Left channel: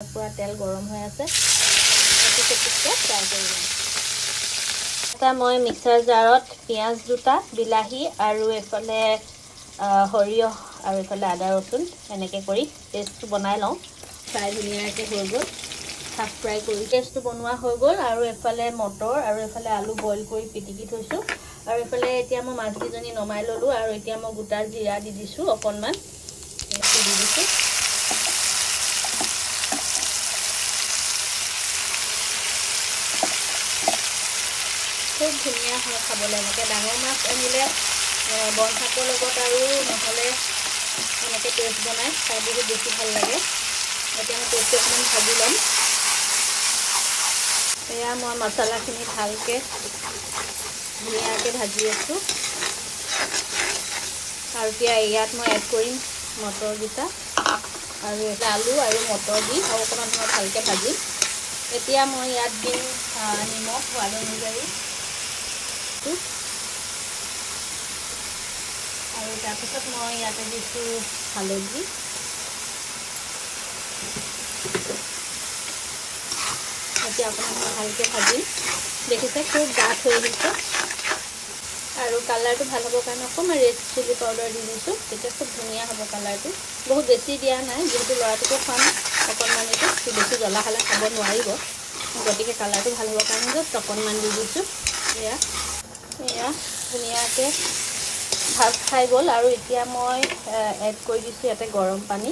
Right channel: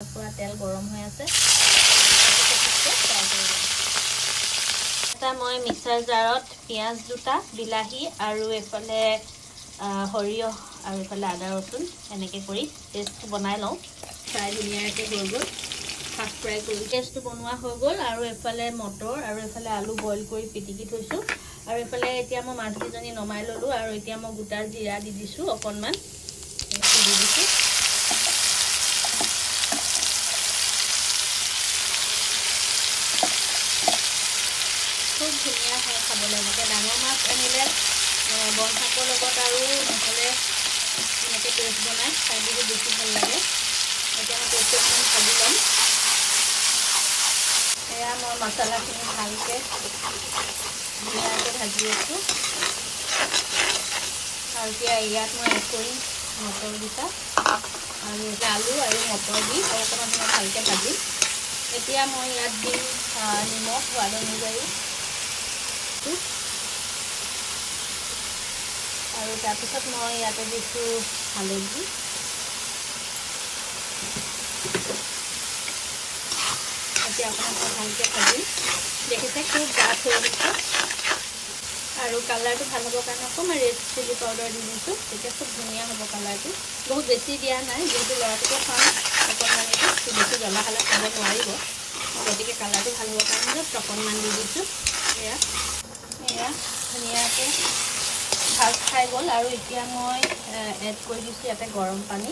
পুৰা তেল গৰম হৈ আছে এটা মই মিক্সাৰ জাৰত পিয়াজ দুটা বিলাহী আৰু এফালে সৰিয়হ আৰু এফালে আদা ৰসুন এনেকৈ কৰি পেষ্ট বনাই লওঁ ফ্ৰাই ধুনীয়াকৈ হৈ গ'ল হাফ ফ্ৰাই কৰি পেষ্টটো বনোৱা হৈ গ'ল আৰু এফালে মটৰ আৰু এফালে আলু বইল কৰি পিটিকি থৈছোঁ আৰু এফালে এতিয়া মই মাছকেইজনী নমাই ল'লোঁ আৰু এতিয়া মই গোটা জিৰা দি দিছোঁ অকণমান দি দিছোঁ খুব ধুনীয়া হয় খাবলৈ এনেকৈ ডাঙৰ মাছ আনিলে বন শাকৰ লগত আৰু নহ'লে এনেকৈ পেষ্ট বনাই খাই বহুত বেছি ভাল লাগে এতিয়া মই পেষ্টটো অকণমান ভাজি ল'ম এয়া মই মছলাখিনি ভালকৈ ধুনীয়াকৈ ভাজি আছোঁ আৰু এতিয়া ইয়াত মই এড কৰিম মটৰকেইটা আৰু আলু আৰু মটৰ দি অকণমান মই ভালকৈ ভাজিম এতিয়া মই ইয়াত দিম নিমখ সোৱাদ অনুযায়ী আৰু তাৰপিছত মই ইয়াতে দিছোঁ হালধি এতিয়া অকণমান ভালকৈ ভাজিম দেখিছে খুব ডাঠ হৈ আহিছে আৰু কালাৰটো ভাল হ'বৰ কাৰণে অকণমান ৰেড চিলি পাউডাৰ দি দিছোঁ তেতিয়া খুব ধুনীয়া হ'ব কালাৰটো বহুত বেছি দিয়া নাই যিহেতু ল'ৰাটোকে খুৱাম অকণমান এইটো বেছি জ্বলা খালে খাব নোৱাৰিব গতিকে কালাৰটো ভাল হ'বৰ কাৰণে জাষ্ট অকণমান দি দিছোঁ এয়া ধুনীয়াকৈ ভাজ খাই গ'ল আৰু এতিয়া মই এড কৰি দিছোঁ ইয়াতে গৰম পানী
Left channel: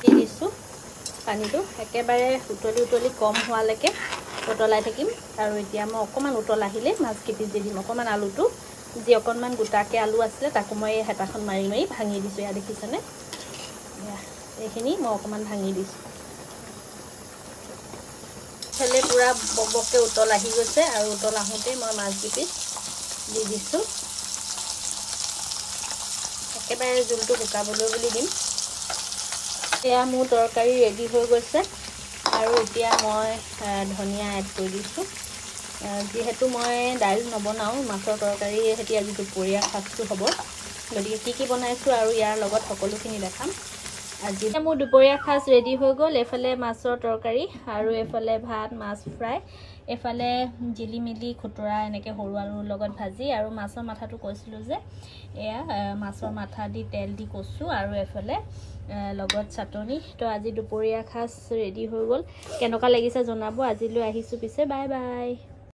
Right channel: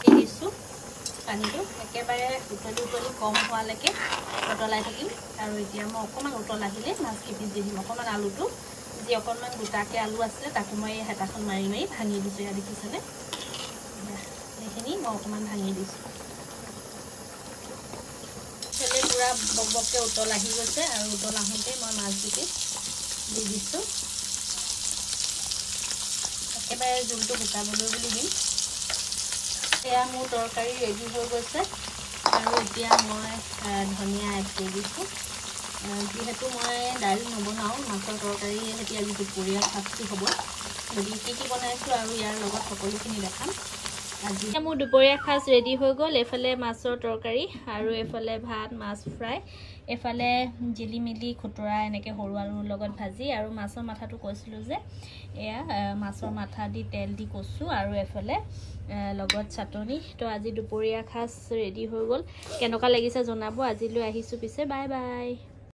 দি দিছোঁ পানীটো একেবাৰে উতলি কম হোৱালৈকে উতলাই থাকিম আৰু এতিয়া মই অকণমান উতল আহিলে মাছ কেইপিচ দি দিম অকণমান আলুটো যি অকণমান গোটাকৈ আলু আছিলে তাকো মই হেতাখন মাৰি মাৰি ভাঙি দিছোঁ এয়া দেখিছেনে এইখিনি মই অকণমান ভাঙি দিছোঁ খেলে পুৰা বকবককৈ উতল আহি গৈছে আৰু উতল আহোঁতেই মই মাছকেইপিচ দি দিছোঁ একেবাৰে জোলটো শুকাবলৈ বুলি দিম এয়া মোৰ তৰকাৰী ৰেডি হৈ গৈছে আৰু এতিয়া মই ধনিয়া এড কৰি দিছোঁ যিহেতু মই দাইল নবনাওঁ মাছৰ তৰকাৰী সৈতে আজি দুপৰীয়া সাজটো হ'ব গতিকে কি বনাইছোঁ আৰু ইয়াৰ লগত সকলোখিনি দেখাম আজি মোৰ দুপৰীয়া সাজ ৰেডি হৈ গ'ল এফালে মাছৰ তৰকাৰী আৰু এফালে ভাত মাছ ফ্ৰাই এফালে জিলিমিলি খুতৰা এনেকৈ সৰু আলুৰ লগত ভাজি আৰু মাছৰ মাথাটো কৈছিলোঁ যে এয়া মাছৰ মাথা দি তেল দি কচু আৰু এফালে লগত চাটনি তো আজি দুপৰীয়া সাজ ৰেডি হৈ গ'ল কেনেকুৱা লাগিছে জনাব আজিলৈ আহিছোঁ পিছে বাই বাই